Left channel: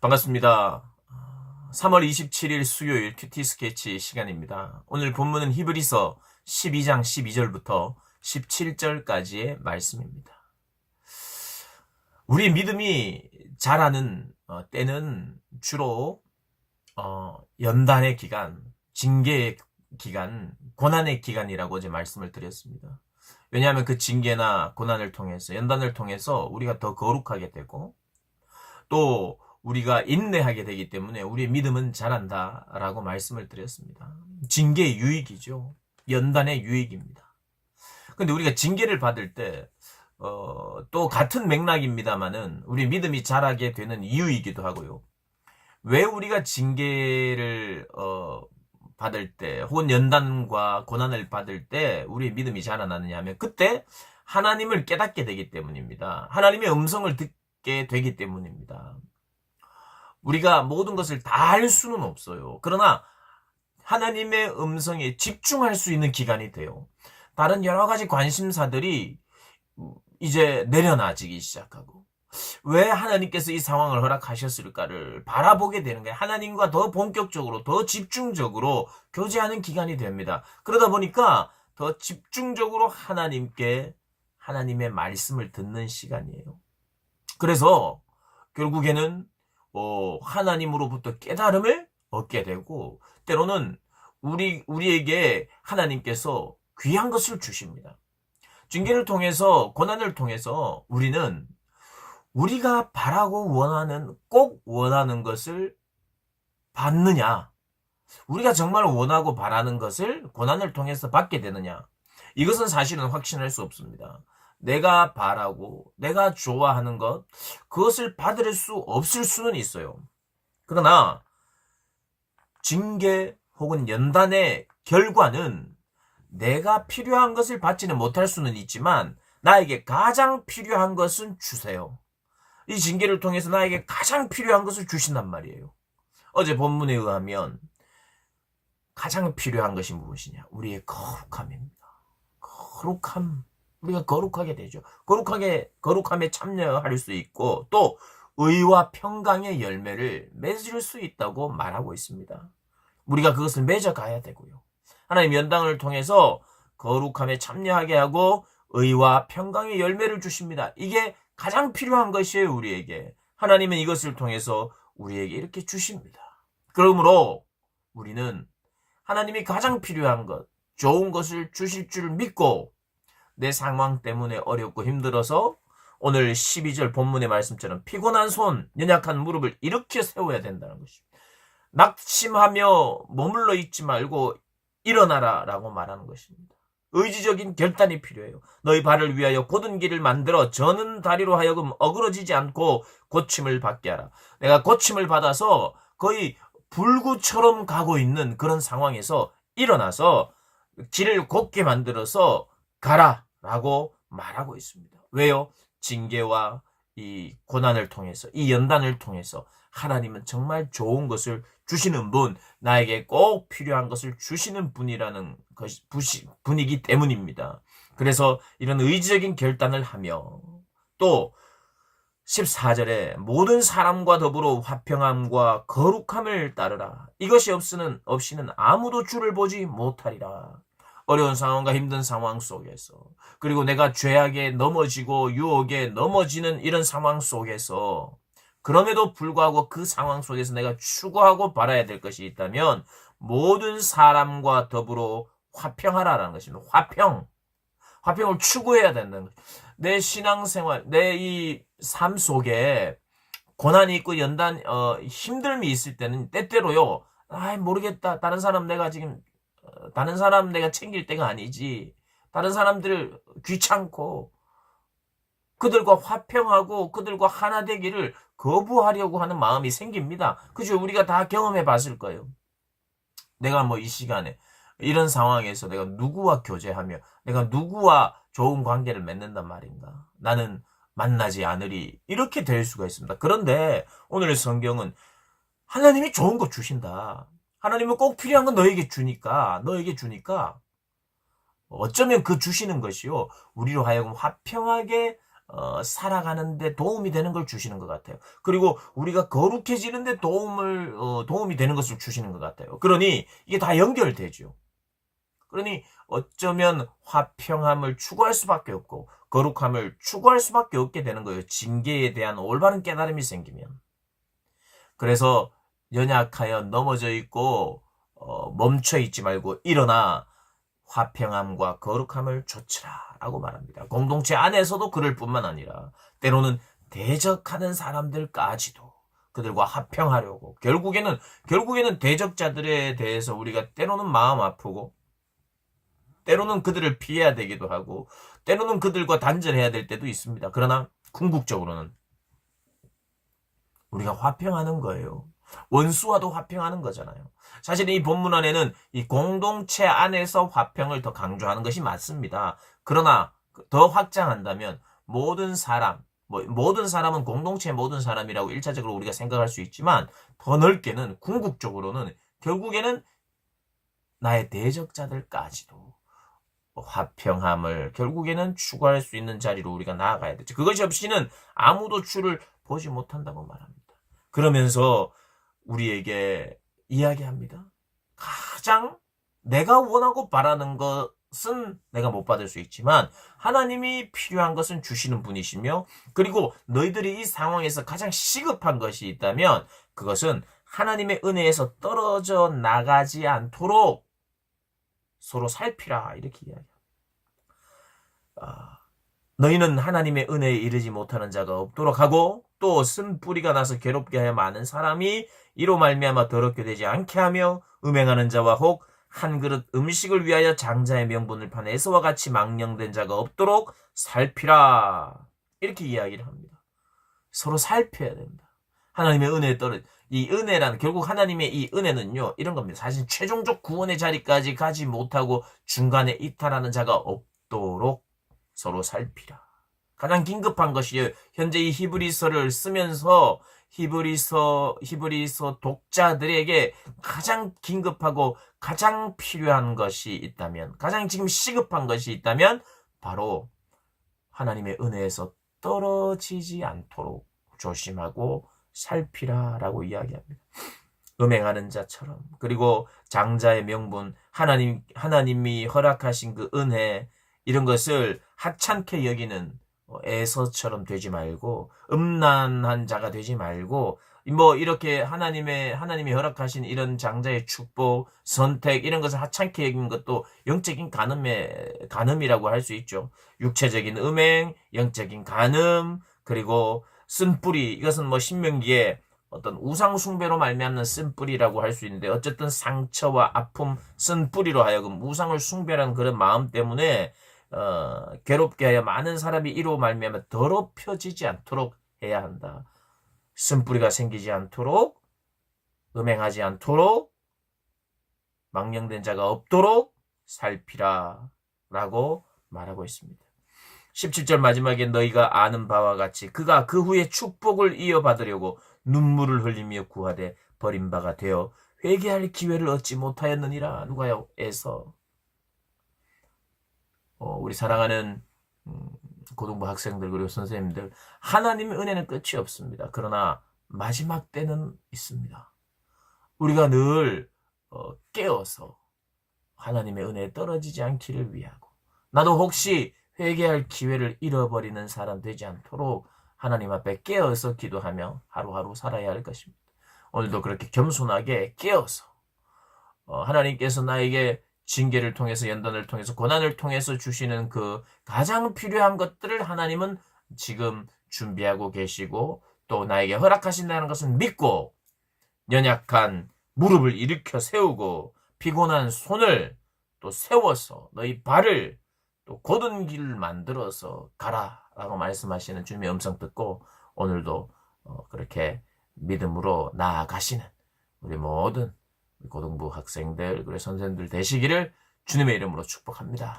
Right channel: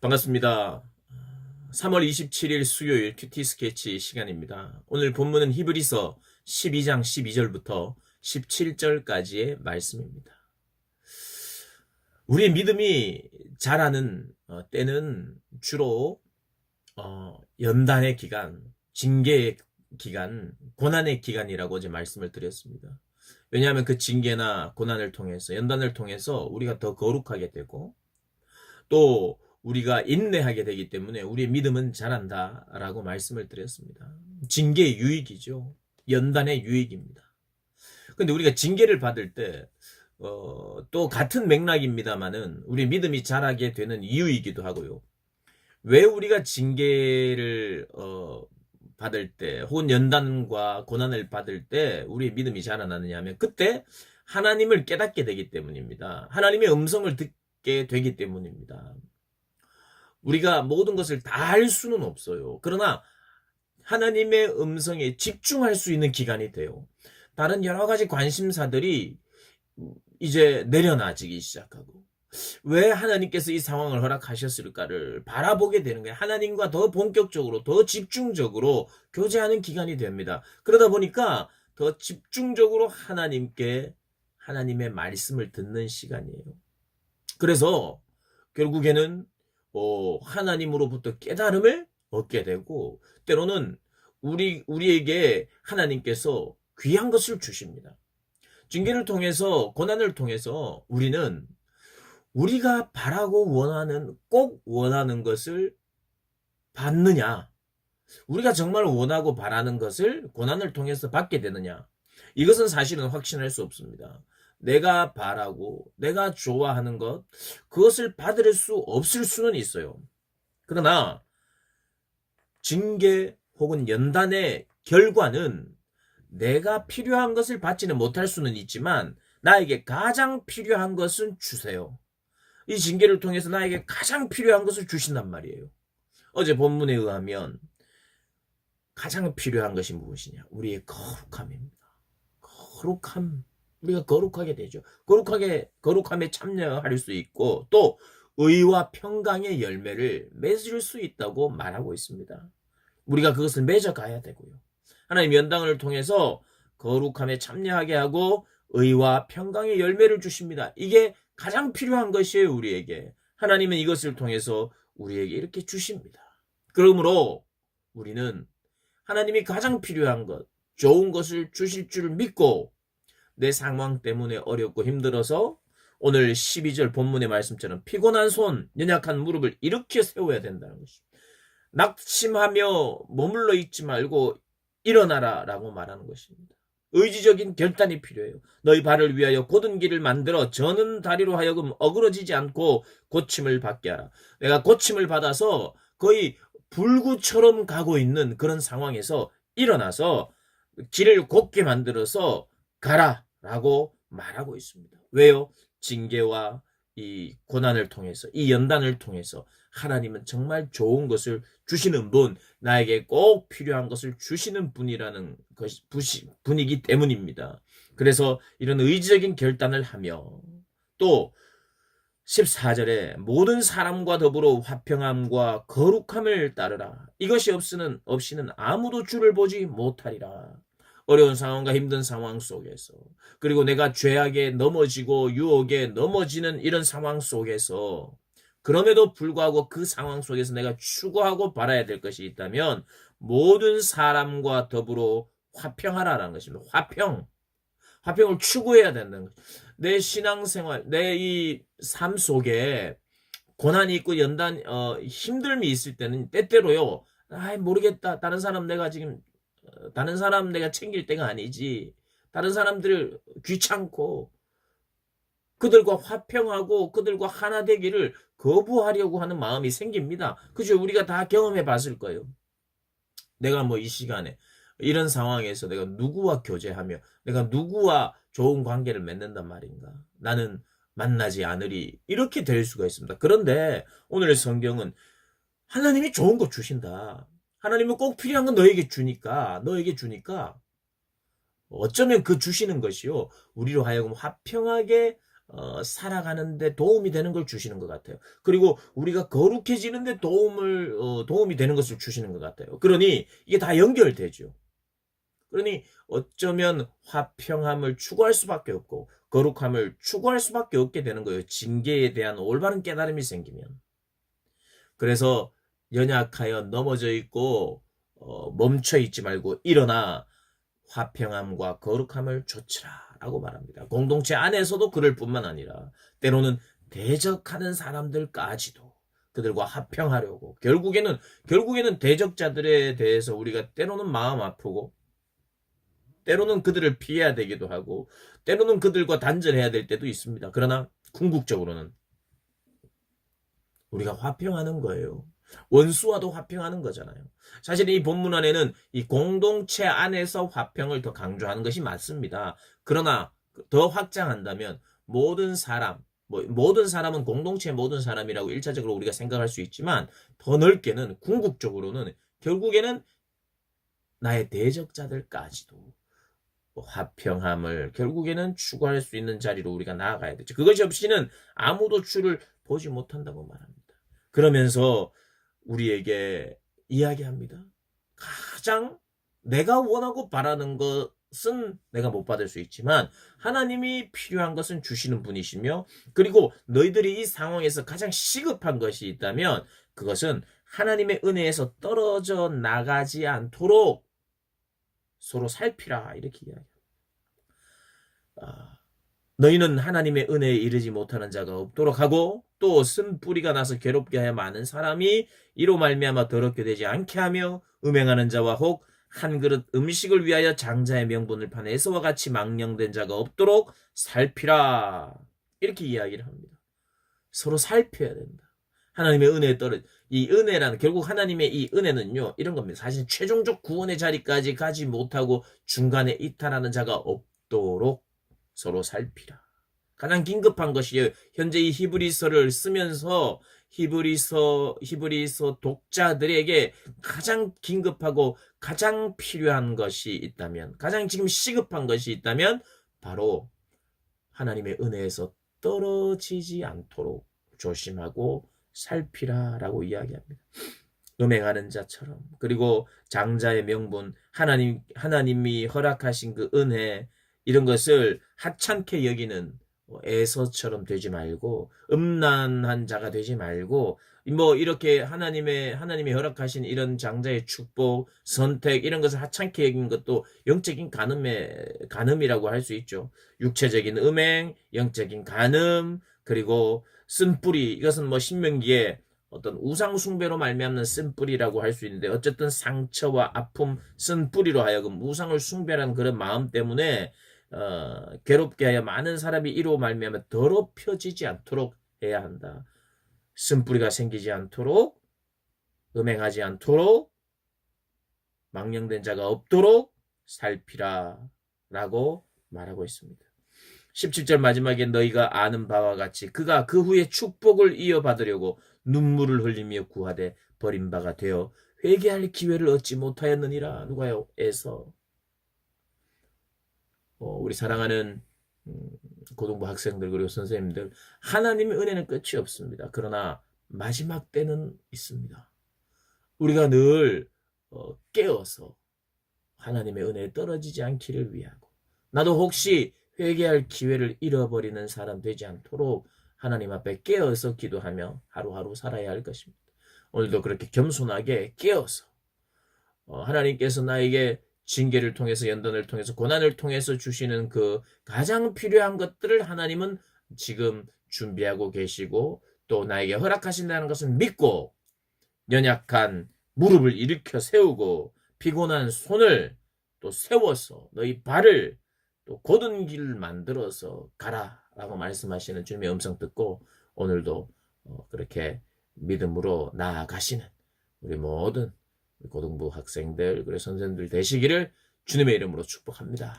반갑습니다. 3월 27일 수요일 큐티 스케치 시간입니다. 오늘 본문은 히브리서 12장 12절부터 17절까지의 말씀입니다. 우리의 믿음이 자라는 때는 주로 연단의 기간, 징계의 기간, 고난의 기간이라고 어제 말씀을 드렸습니다. 왜냐하면 그 징계나 고난을 통해서, 연단을 통해서 우리가 더 거룩하게 되고 또 우리가 인내하게 되기 때문에 우리의 믿음은 자란다라고 말씀을 드렸습니다. 징계의 유익이죠. 연단의 유익입니다. 근데 우리가 징계를 받을 때 또 같은 맥락입니다만은 우리 믿음이 자라게 되는 이유이기도 하고요. 왜 우리가 징계를 받을 때 혹은 연단과 고난을 받을 때 우리의 믿음이 자라나느냐 하면 그때 하나님을 깨닫게 되기 때문입니다. 하나님의 음성을 듣게 되기 때문입니다. 우리가 모든 것을 다 할 수는 없어요. 그러나 하나님의 음성에 집중할 수 있는 기간이 돼요. 다른 여러 가지 관심사들이 이제 내려놔지기 시작하고 왜 하나님께서 이 상황을 허락하셨을까를 바라보게 되는 거예요. 하나님과 더 본격적으로 더 집중적으로 교제하는 기간이 됩니다. 그러다 보니까 더 집중적으로 하나님의 말씀을 듣는 시간이에요. 그래서 결국에는 하나님으로부터 깨달음을 얻게 되고 때로는 우리에게 하나님께서 귀한 것을 주십니다. 징계를 통해서 고난을 통해서 우리는 우리가 바라고 꼭 원하는 것을 받느냐, 우리가 정말 원하고 바라는 것을 고난을 통해서 받게 되느냐, 이것은 사실은 확신할 수 없습니다. 내가 바라고 내가 좋아하는 것, 그것을 받을 수 없을 수는 있어요. 그러나 징계 혹은 연단의 결과는 내가 필요한 것을 받지는 못할 수는 있지만 나에게 가장 필요한 것은 주세요. 이 징계를 통해서 나에게 가장 필요한 것을 주신단 말이에요. 어제 본문에 의하면 가장 필요한 것이 무엇이냐? 우리의 거룩함입니다. 거룩함. 우리가 거룩하게 되죠. 거룩함에 참여할 수 있고 또 의와 평강의 열매를 맺을 수 있다고 말하고 있습니다. 우리가 그것을 맺어가야 되고요. 하나님 연단을 통해서 거룩함에 참여하게 하고 의와 평강의 열매를 주십니다. 이게 가장 필요한 것이에요, 우리에게. 하나님은 이것을 통해서 우리에게 이렇게 주십니다. 그러므로 우리는 하나님이 가장 필요한 것, 좋은 것을 주실 줄 믿고 내 상황 때문에 어렵고 힘들어서 오늘 12절 본문의 말씀처럼 피곤한 손, 연약한 무릎을 일으켜 세워야 된다는 것입니다. 낙심하며 머물러 있지 말고 일어나라 라고 말하는 것입니다. 의지적인 결단이 필요해요. 너희 발을 위하여 곧은 길을 만들어 저는 다리로 하여금 어그러지지 않고 고침을 받게 하라. 내가 고침을 받아서 거의 불구처럼 가고 있는 그런 상황에서 일어나서 길을 곧게 만들어서 가라 라고 말하고 있습니다. 왜요? 징계와 이 고난을 통해서, 이 연단을 통해서 하나님은 정말 좋은 것을 주시는 분, 나에게 꼭 필요한 것을 주시는 분이라는 분이기 때문입니다. 그래서 이런 의지적인 결단을 하며 또 14절에 모든 사람과 더불어 화평함과 거룩함을 따르라. 이것이 없이는 아무도 주를 보지 못하리라. 어려운 상황과 힘든 상황 속에서, 그리고 내가 죄악에 넘어지고 유혹에 넘어지는 이런 상황 속에서 그럼에도 불구하고 그 상황 속에서 내가 추구하고 바라야 될 것이 있다면 모든 사람과 더불어 화평하라라는 것입니다. 화평을 추구해야 된다는 거죠. 내 신앙생활, 내 이 삶 속에 고난이 있고 힘듦이 있을 때는 때때로요, 모르겠다. 다른 사람 내가 챙길 때가 아니지. 다른 사람들을 귀찮고 그들과 화평하고 그들과 하나 되기를 거부하려고 하는 마음이 생깁니다. 그죠? 우리가 다 경험해 봤을 거예요. 내가 이 시간에 이런 상황에서 내가 누구와 교제하며 내가 누구와 좋은 관계를 맺는단 말인가? 나는 만나지 않으리. 이렇게 될 수가 있습니다. 그런데 오늘의 성경은 하나님이 좋은 거 주신다. 하나님은 꼭 필요한 건 너에게 주니까 어쩌면 그 주시는 것이요, 우리로 하여금 화평하게 살아가는데 도움이 되는 걸 주시는 것 같아요. 그리고 우리가 거룩해지는데 도움이 되는 것을 주시는 것 같아요. 그러니 이게 다 연결되죠. 그러니 어쩌면 화평함을 추구할 수밖에 없고 거룩함을 추구할 수밖에 없게 되는 거예요. 징계에 대한 올바른 깨달음이 생기면. 그래서 연약하여 넘어져 있고 멈춰 있지 말고 일어나 화평함과 거룩함을 좇으라 라고 말합니다. 공동체 안에서도 그럴 뿐만 아니라 때로는 대적하는 사람들까지도 그들과 화평하려고 결국에는 대적자들에 대해서 우리가 때로는 마음 아프고 때로는 그들을 피해야 되기도 하고 때로는 그들과 단절해야 될 때도 있습니다. 그러나 궁극적으로는 우리가 화평하는 거예요. 원수와도 화평하는 거잖아요. 사실 이 본문 안에는 이 공동체 안에서 화평을 더 강조하는 것이 맞습니다. 그러나 더 확장한다면 모든 사람은 공동체의 모든 사람이라고 일차적으로 우리가 생각할 수 있지만 더 넓게는 궁극적으로는 결국에는 나의 대적자들까지도 화평함을 결국에는 추구할 수 있는 자리로 우리가 나아가야 되죠. 그것이 없이는 아무도 주를 보지 못한다고 말합니다. 그러면서 우리에게 이야기합니다. 가장 내가 원하고 바라는 것은 내가 못 받을 수 있지만 하나님이 필요한 것은 주시는 분이시며 그리고 너희들이 이 상황에서 가장 시급한 것이 있다면 그것은 하나님의 은혜에서 떨어져 나가지 않도록 서로 살피라 이렇게 이야기합니다. 너희는 하나님의 은혜에 이르지 못하는 자가 없도록 하고 또 쓴뿌리가 나서 괴롭게 하여 많은 사람이 이로 말미암아 더럽게 되지 않게 하며 음행하는 자와 혹 한 그릇 음식을 위하여 장자의 명분을 판 에서와 같이 망령된 자가 없도록 살피라 이렇게 이야기를 합니다. 서로 살펴야 된다. 하나님의 은혜에 이 은혜라는 결국 하나님의 이 은혜는요 이런 겁니다. 사실 최종적 구원의 자리까지 가지 못하고 중간에 이탈하는 자가 없도록 서로 살피라. 가장 긴급한 것이 현재 이 히브리서를 쓰면서 히브리서 독자들에게 가장 긴급하고 가장 필요한 것이 있다면 가장 지금 시급한 것이 있다면 바로 하나님의 은혜에서 떨어지지 않도록 조심하고 살피라라고 이야기합니다. 음행하는 자처럼 그리고 장자의 명분 하나님이 허락하신 그 은혜 이런 것을 하찮게 여기는 에서처럼 되지 말고 음란한 자가 되지 말고 이렇게 하나님이 허락하신 이런 장자의 축복, 선택 이런 것을 하찮게 여기는 것도 영적인 간음이라고 할 수 있죠. 육체적인 음행, 영적인 간음, 그리고 쓴뿌리 이것은 신명기에 어떤 우상 숭배로 말미암는 쓴뿌리라고 할 수 있는데 어쨌든 상처와 아픔, 쓴뿌리로 하여금 우상을 숭배하는 그런 마음 때문에 괴롭게 하여 많은 사람이 이로 말미암아 더럽혀지지 않도록 해야 한다. 쓴뿌리가 생기지 않도록 음행하지 않도록 망령된 자가 없도록 살피라 라고 말하고 있습니다. 17절 마지막에 너희가 아는 바와 같이 그가 그 후에 축복을 이어받으려고 눈물을 흘리며 구하되 버림바가 되어 회개할 기회를 얻지 못하였느니라. 누가요? 에서 우리 사랑하는 고등부 학생들 그리고 선생님들 하나님의 은혜는 끝이 없습니다. 그러나 마지막 때는 있습니다. 우리가 늘 깨어서 하나님의 은혜에 떨어지지 않기를 위하고 나도 혹시 회개할 기회를 잃어버리는 사람 되지 않도록 하나님 앞에 깨어서 기도하며 하루하루 살아야 할 것입니다. 오늘도 그렇게 겸손하게 깨어서 하나님께서 나에게 징계를 통해서 연단을 통해서 고난을 통해서 주시는 그 가장 필요한 것들을 하나님은 지금 준비하고 계시고 또 나에게 허락하신다는 것은 믿고 연약한 무릎을 일으켜 세우고 피곤한 손을 또 세워서 너희 발을 또 곧은 길을 만들어서 가라 라고 말씀하시는 주님의 음성 듣고 오늘도 그렇게 믿음으로 나아가시는 우리 모든 고등부 학생들 그리고 선생님들 되시기를 주님의 이름으로 축복합니다.